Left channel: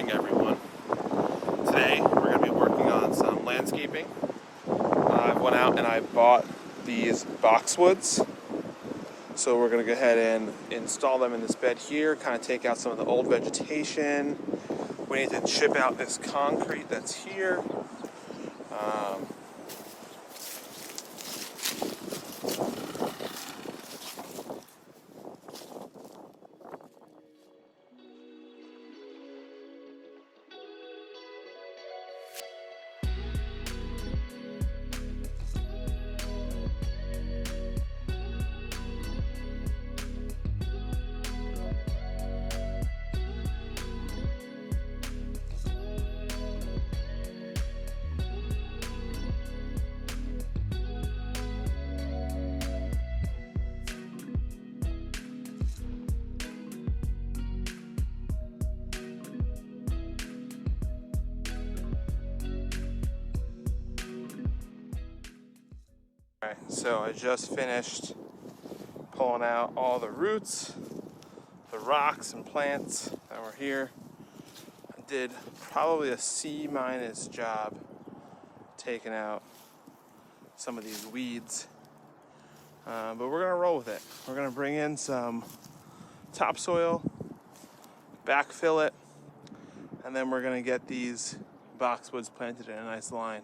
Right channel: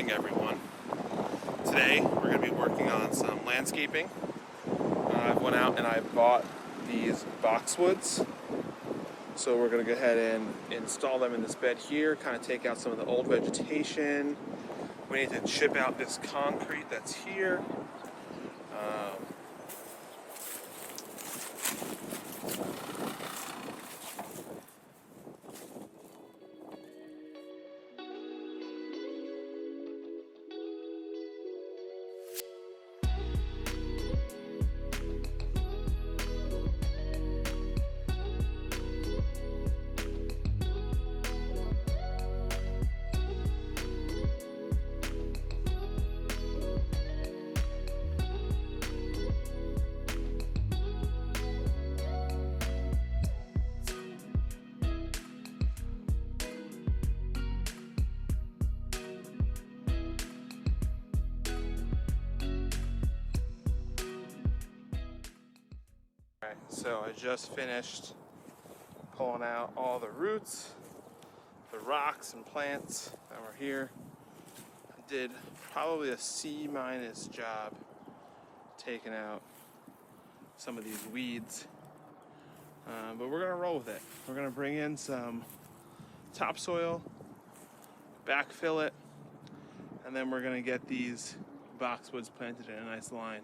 morning, everyone. Today we're going to be working on some landscaping. I went out and I bought these boxwoods. So we're going to go ahead and install them in this bed here, kind of take out some of the old vegetation. We need to chip out this concrete that's here. So I just finished pulling out all the roots, the rocks and plants that were here. I did probably a C- job taking out some of these weeds, but we're gonna roll with it. We're gonna bring in some topsoil, backfill it, and then we're gonna get these boxwoods planted in a nice line.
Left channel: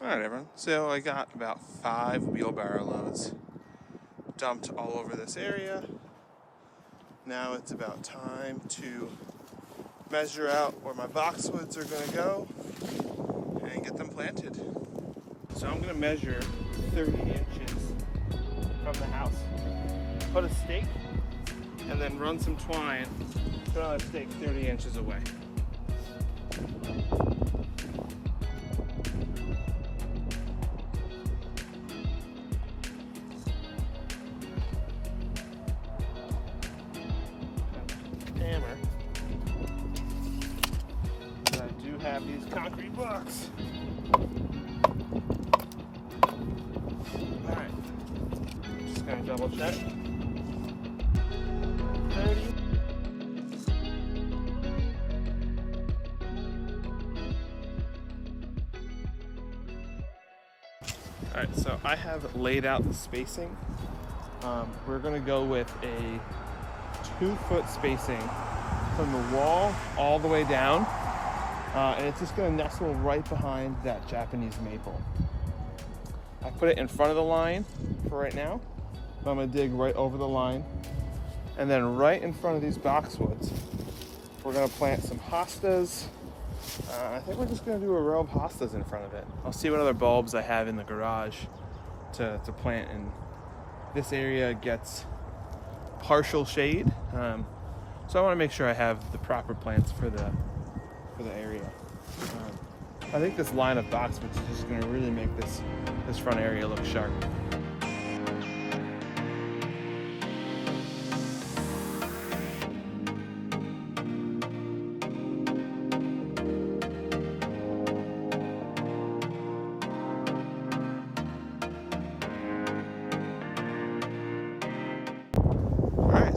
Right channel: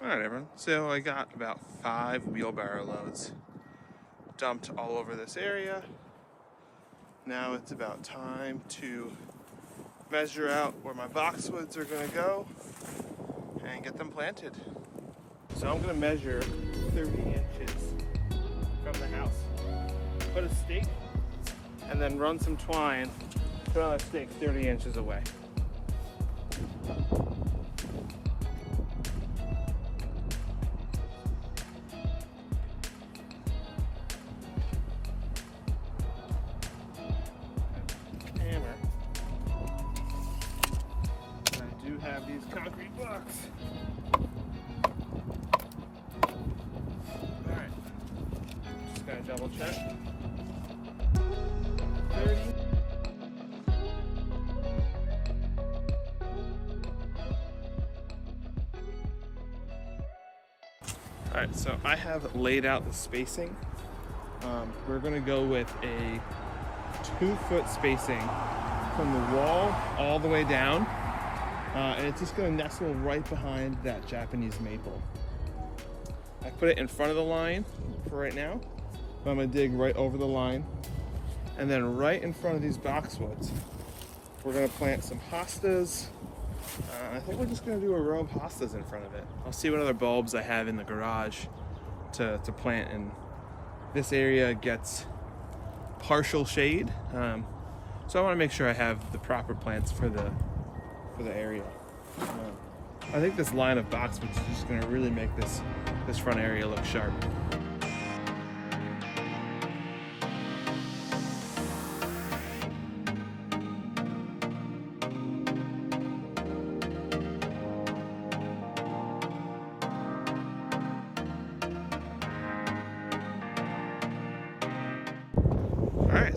Alright everyone, so I got about 5 wheelbarrow loads dumped all over this area. Now it's about time to measure out where my boxwoods are going to go and get them planted. So I'm going to measure 30 inches from the house. Put a stake and then run some twine, put on a stake 30 inches away. Hammer. But I do have these concrete blocks. Alright. Just gotta double check. 30. Alright, so I have laid out the spacing. We're gonna go with a 2-foot spacing from the wall all the way down, and it's just going to nestle right behind that Japanese maple. I put it in front of the line for right now, but I'm going to dig right over the line, and then right in front of these boxwoods we're going to plant some hostas. I think we're just going to do a row of hostas in front of it. I'll see what other bulbs I have in the garage to plant, and this area gets partial shade, so I want to make sure I have the proper plants for the area. I think this line of boxwoods is just going to really make this front area look sharp.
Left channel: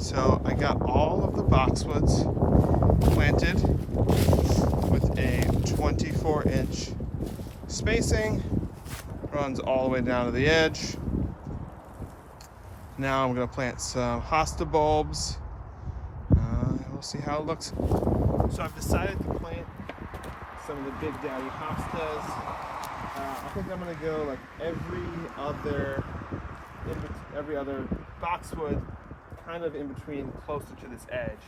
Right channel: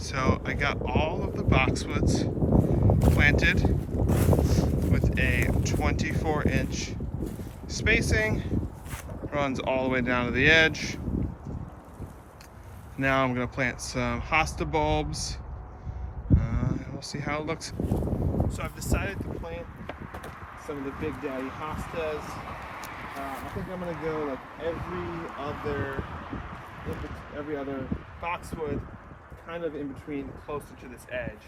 So I got all of the boxwoods planted with a 24-inch spacing, runs all the way down to the edge. Now I'm going to plant some hosta bulbs, and we'll see how it looks. So I've decided to plant some of the Big Daddy hostas. I think I'm going to go like every other boxwood kind of in between, closer to this edge,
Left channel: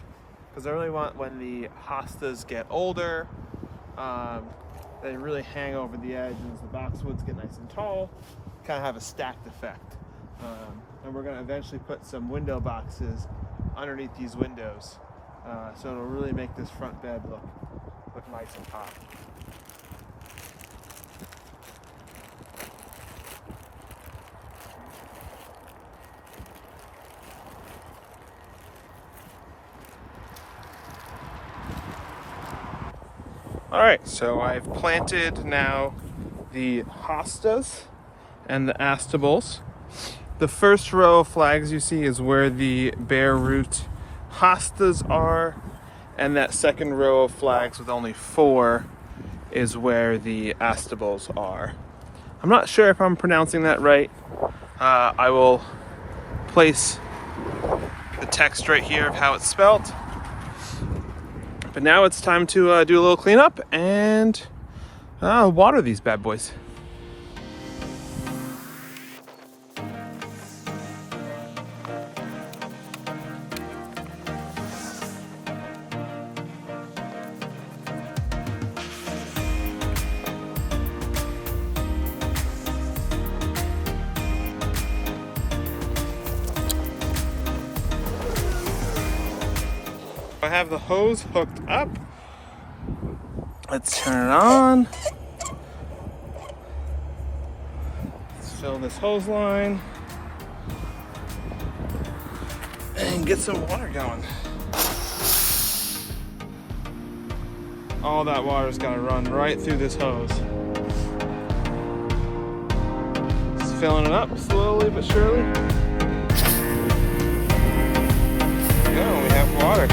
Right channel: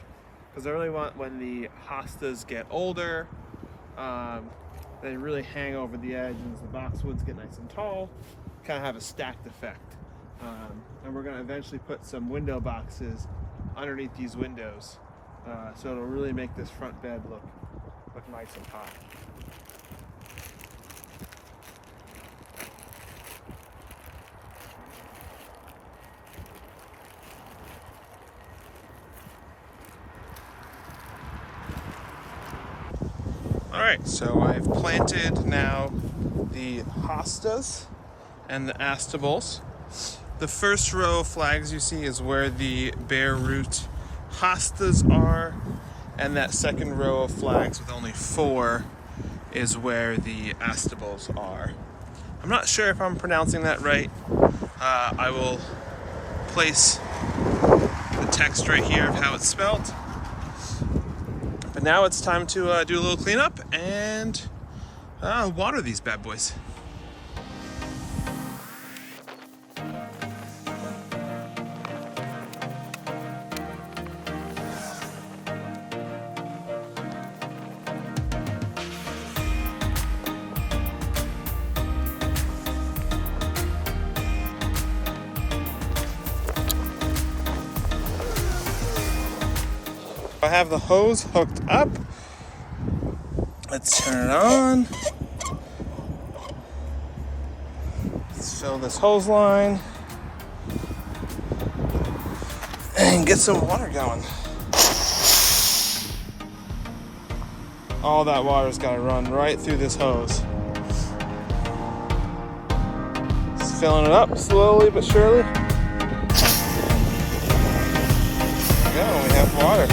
because I really want, when the hostas get older, They really hang over the edge, and as the boxwoods get nice and tall, kind of have a stacked effect. And we're going to eventually put some window boxes underneath these windows, so it'll really make this front bed look nice and high. All right, so I've planted now the Hostas and the Astilbes. The first row of flags you see is where the bare root Hostas are, and that second row of flags with only 4 is where the Astilbes are. I'm not sure if I'm pronouncing that right. I will place the text right here of how it's spelled. But now it's time to do a little cleanup and water these bad boys. I have the hose hooked up. Let's turn it on. Let's fill this hose line and get some water going. All that water's got to run right through this hose. Just filling it up slowly but surely. There we go, we have water.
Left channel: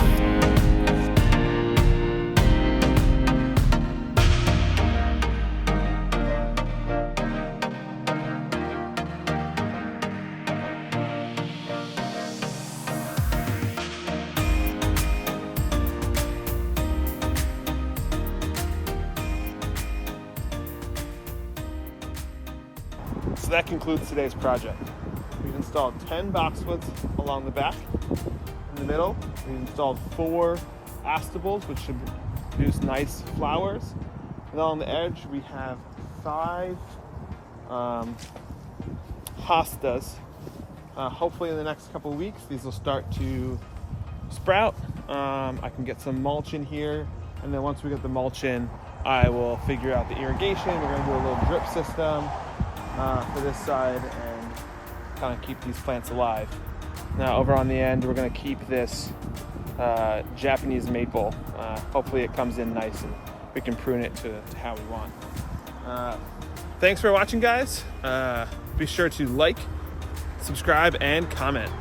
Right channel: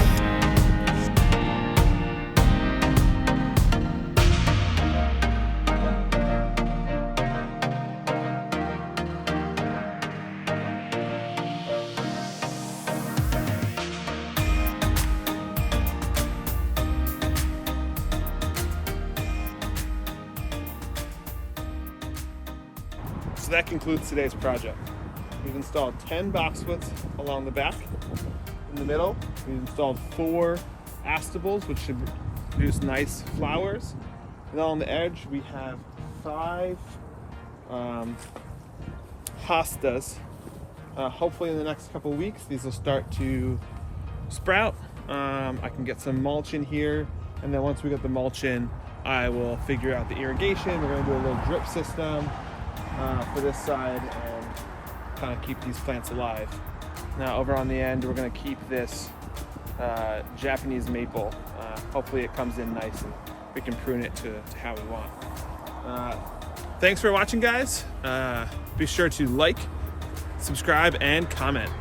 So that concludes today's project. We've installed 10 boxwoods along the back. In the middle, we've installed 4 Astilbes, which should produce nice flowers. And along the edge, we have 5 Hostas. Hopefully in the next couple weeks, these will start to sprout. I can get some mulch in here, and then once we get the mulch in, I will figure out the irrigation. We're gonna do a little drip system for this side and kind of keep these plants alive. Now over on the end, we're going to keep this Japanese maple. Hopefully it comes in nice and we can prune it to how we want. Thanks for watching, guys. Be sure to like, subscribe, and comment.